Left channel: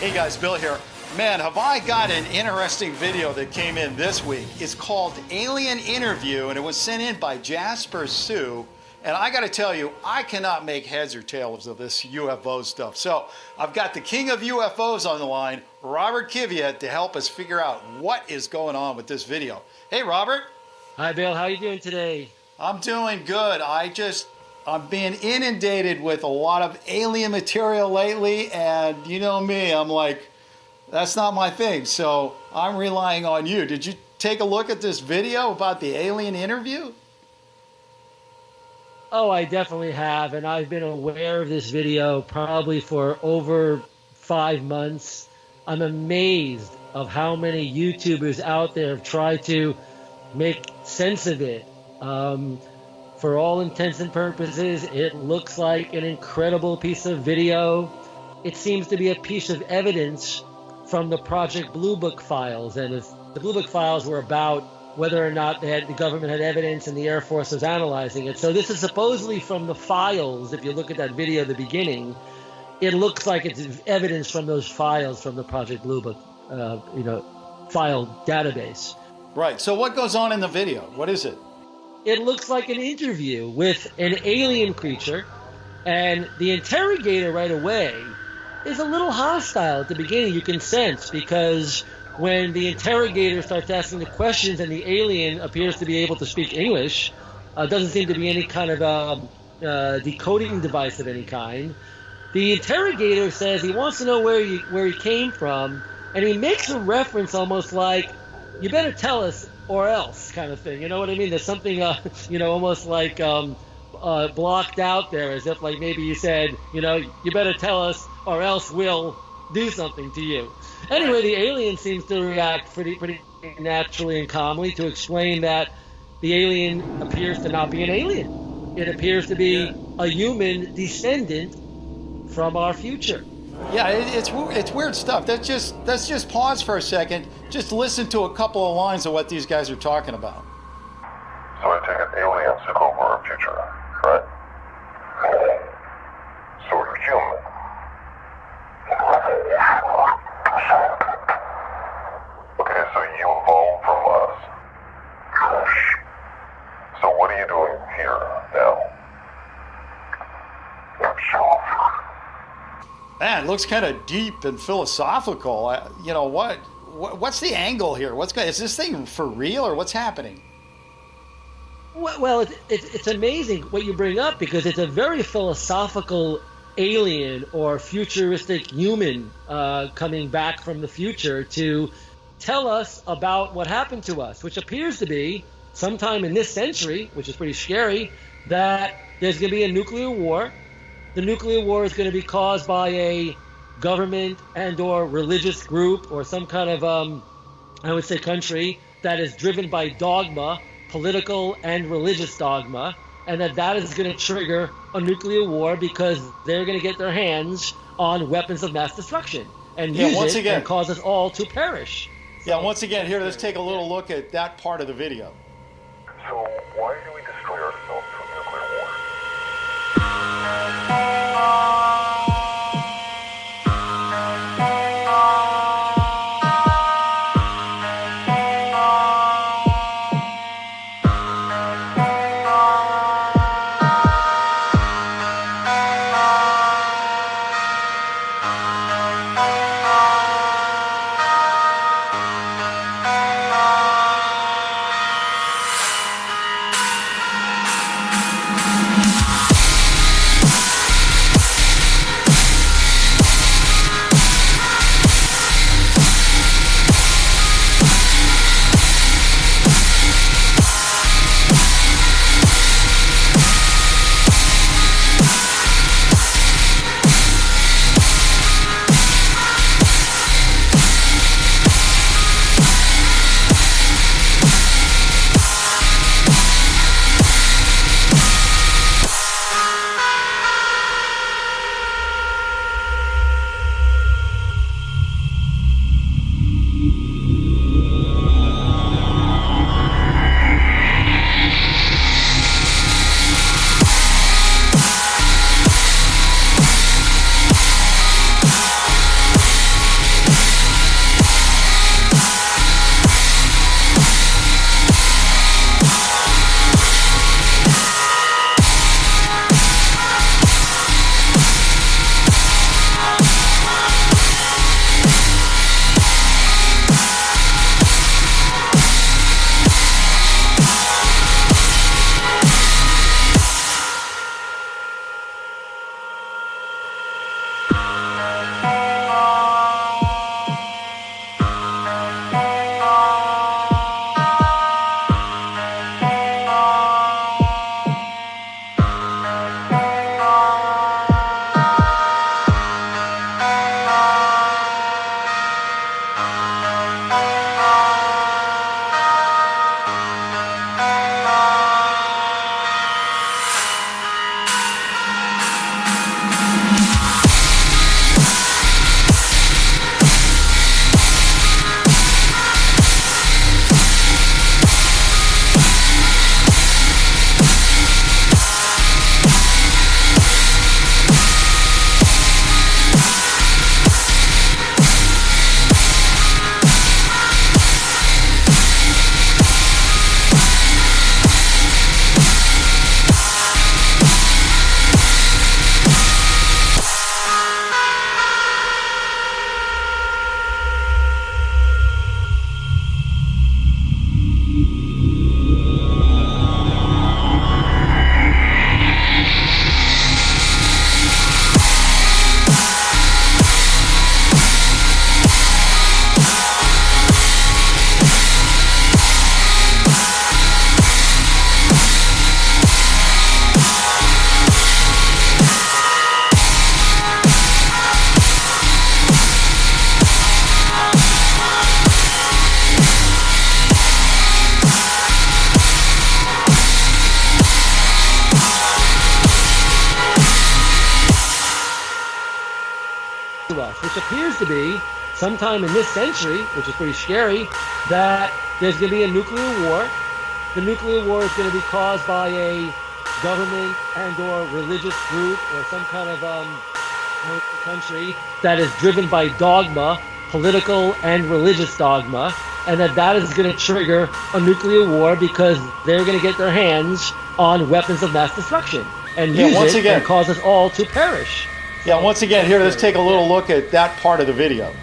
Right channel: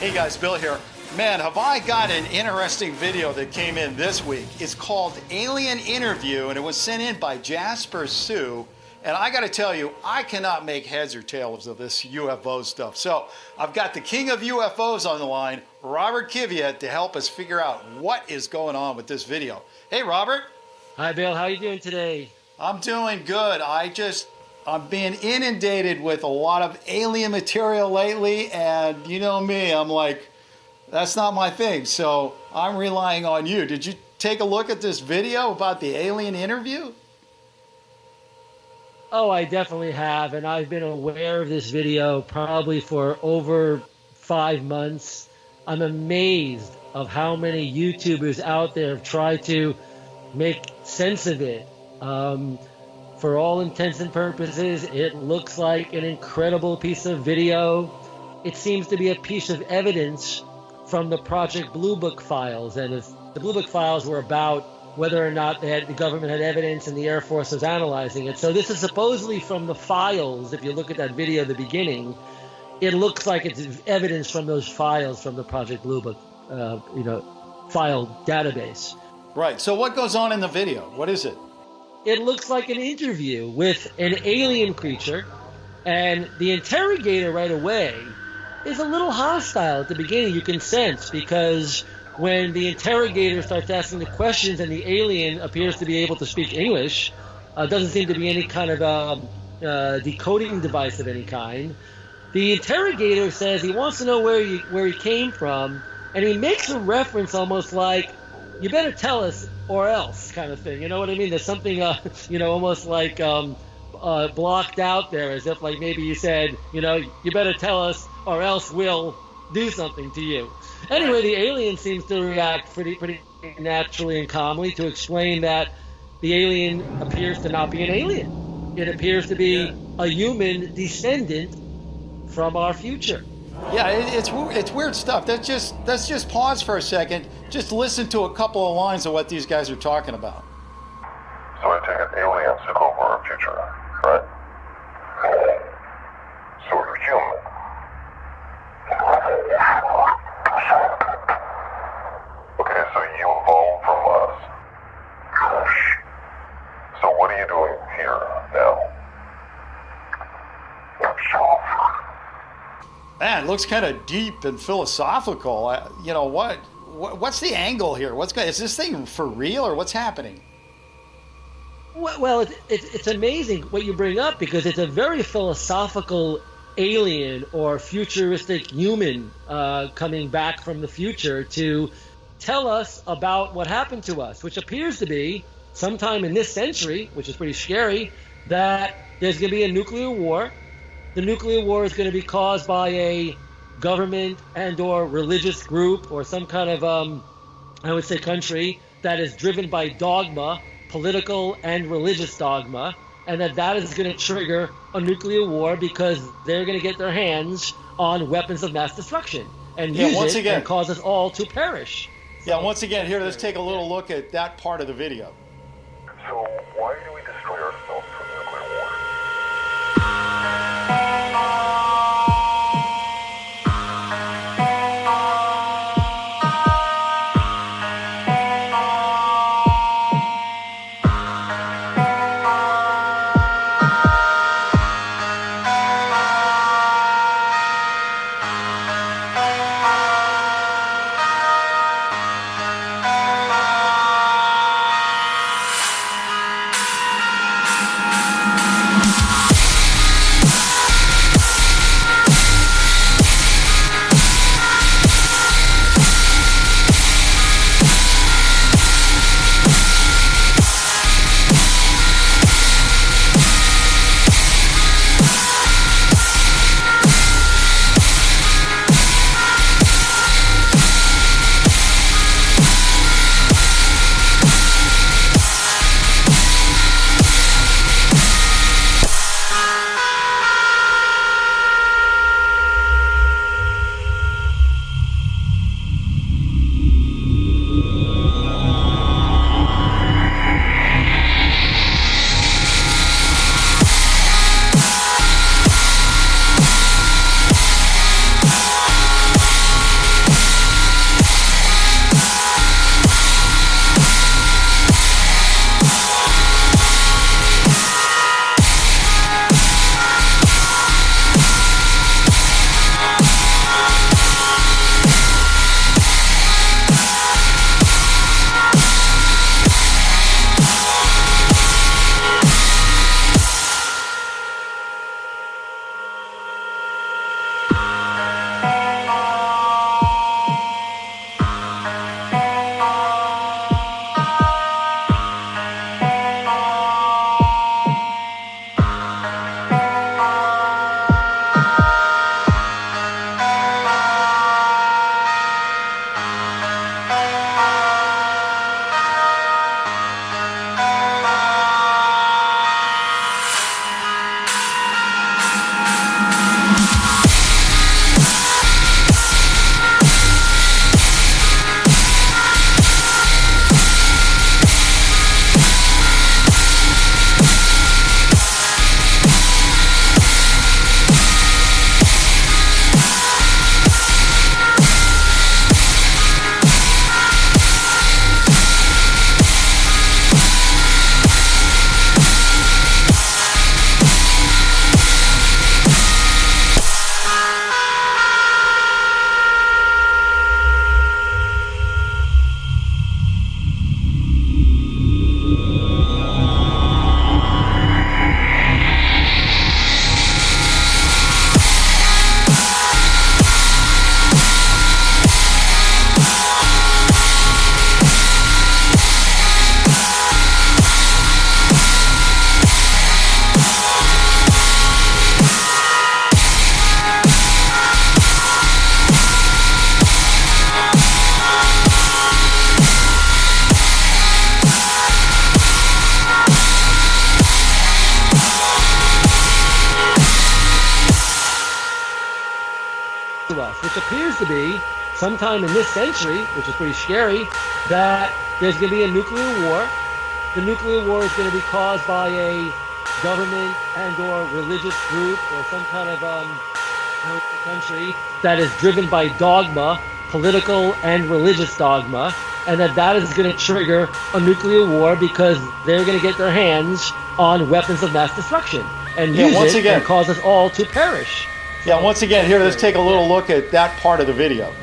Hey guys, Bill here. Man, have I got an interesting video that came in this week. It's called Alien Interview, and it was sent in by Jasper Sue. And I got to tell you, I cannot make heads or tails of this UFO stuff. So I've got the king of UFOs on the line, Robert Kiviat, to help us figure out what is going on with this video. Hey, Robert. Hi, Bill. How are you doing today? I'm doing good. I'm being inundated with a lot of alien material lately, and you know me, I'm like, that's not my thing, so I'm relying on you. Did you take a look at this video about the alien interview? Oh, I definitely have, and I've been aware of this video probably for over 5 months. I'm amazed of how many YouTubers out there have tried to make sense of it. For all intents and purposes, it looks like an incredible piece of video. It seems to be a piece of evidence from the Project Blue Book files. And if the Blue Book files were about whether or not the government had evidence and the Air Force was analyzing it. So this is supposedly from the files. If you look at that video at the beginning, it looks like it's evidence from those files from the Project Blue Book, file database. Right. So what goes on in the video? What is it? It looks like an interview with an alien creature, and the interrogator right away is a little hostile at the beginning. You can sense, because when the interrogator starts asking the questions and the alien appears to be able to speak English, doesn't seem to be any kind of decoding device of any kind. The interrogator says he wants to know where he came from, and he makes a reference almost like, "You better tell us or else," kind of thing. You know what I mean? There's something, almost like blocked out there, as if like maybe you said, "You better tell us or else we'll do something to you." Anyway, the alien seems to react pretty naturally and calmly to explain that the alien appears to not be an alien. It appears to be a human descendant from our future. Yeah, it's weird stuff. Let's just pause for a second. Just listen to a couple of lines of what these guys are talking about. So I take it aliens took over our future, right? So we're human. Okay, so you evolved from us. So what are you doing here now? Man, it looks kind of deep and philosophical. What's the angle here? Is this thing for real, or what's happening? Well, it's amazing what you bring up, because it's a very philosophical alien or futuristic human coming back from the future to tell us about what happened to us, which appears to be sometime in this century, which is pretty scary, that there's going to be a nuclear war. The nuclear war is going to be caused by a government and or religious group or some kind of, country that is driven by dogma, political and religious dogma, and that is going to trigger a nuclear war because they're going to get their hands on weapons of mass destruction and use it and cause us all to perish. Yeah, once again, here, let's take a little look at that part of the video. So why do we destroy ourselves through nuclear war? to us, which appears to be sometime in this century, which is pretty scary, that there's going to be a nuclear war. The nuclear war is going to be caused by a government and or religious group or some kind of country that is driven by dogma, political and religious dogma, and that is going to trigger a nuclear war because they're going to get their hands on weapons of mass destruction and use it and cause us all to perish. Yeah, once again, here, let's take a little look at that part of the video.